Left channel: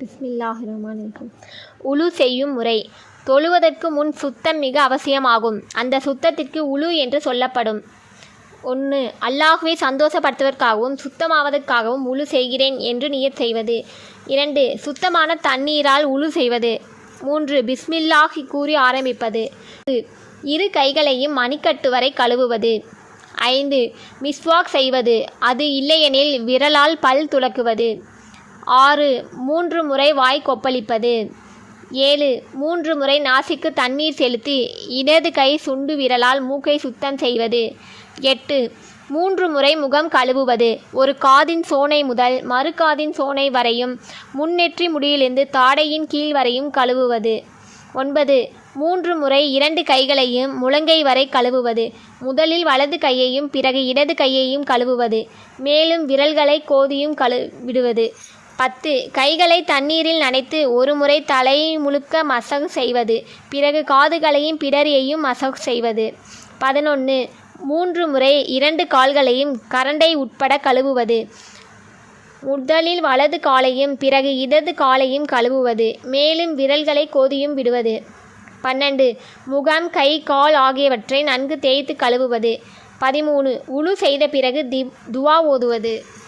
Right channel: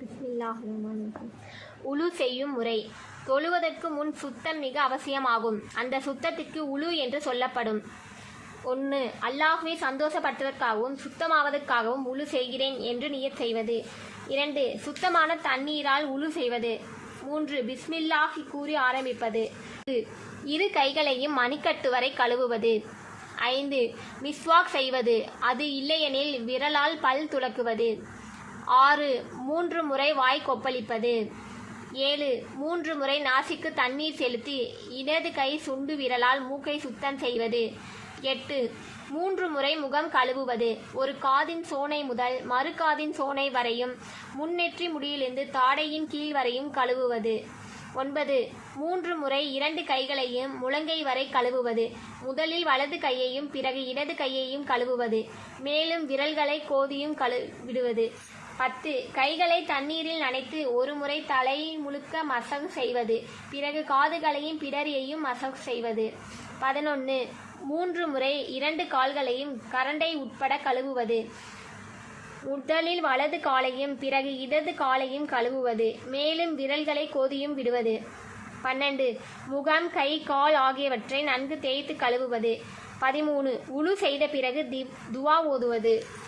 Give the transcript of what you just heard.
பிஸ்மில்லாஹ் ரஹ்மான் உழு செய்யும் முறை. தொழுவதற்கு முன் சுத்தம் மிக அவசியமாகும். அந்த சுத்தத்திற்கு உலு என்று சொல்லப்படும். ஒன்று அல்லாஹுவை சந்தோஷப்படுத்துவதற்காகவும் சுத்தமாவதற்காகவும் உழு செய்கிறேன் என்று நியத் செய்வது. இரண்டு சுத்தமான தண்ணீரால் உழு செய்வது. மூன்று பிஸ்மில்லாஹி கூறி ஆரம்பிப்பது. இரு கைகளையும் மணிக்கட்டு வரை கழுவுவது. ஐந்து மிஸ்வாக் செய்வது. அது இல்லையெனில் விரலால் பல் துலக்குவது. ஆறு மூன்று முறை வாய் கொப்பளிப்பது. ஏழு மூன்று முறை நாசிக்கு தண்ணீர் செலுத்தி இடது கை சுண்டு விரலால் மூக்கை சுத்தம் செய்வது. எட்டு மூன்று முறை முகம் கழுவுவது. ஒரு காதின் சோனை முதல் மறு காதின் சோனை வரையும் முன்னெற்றி முடியிலிருந்து தாடையின் கீழ் வரையும் கழுவுவது. ஒன்பது மூன்று முறை இரண்டு கைகளையும் முழங்கை வரை கழுவுவது. முதலில் வலது கையையும் பிறகு இடது கையையும் கழுவுவது. மேலும் விரல்களை கோதியும் கழு விடுவது. பத்து. கைகளை தண்ணீரில் நனைத்து ஒரு முறை தலை முழுக்க மசகு செய்வது. பிறகு காதுகளையும் பிடரியையும் மசகு செய்வது. பதினொன்று மூன்று முறை இரண்டு கால்களையும் கரண்டை உட்பட கழுவுவது. முதலில் வலது காலையும் பிறகு இடது காலையும் கழுவுவது. மேலும் விரல்களை கோதியும் விடுவது. பன்னெண்டு. முகம் கை கால் ஆகியவற்றை நன்கு தேய்த்து கழுவுவது. பதிமூணு. உழு செய்த பிறகு தி துவா ஓதுவது.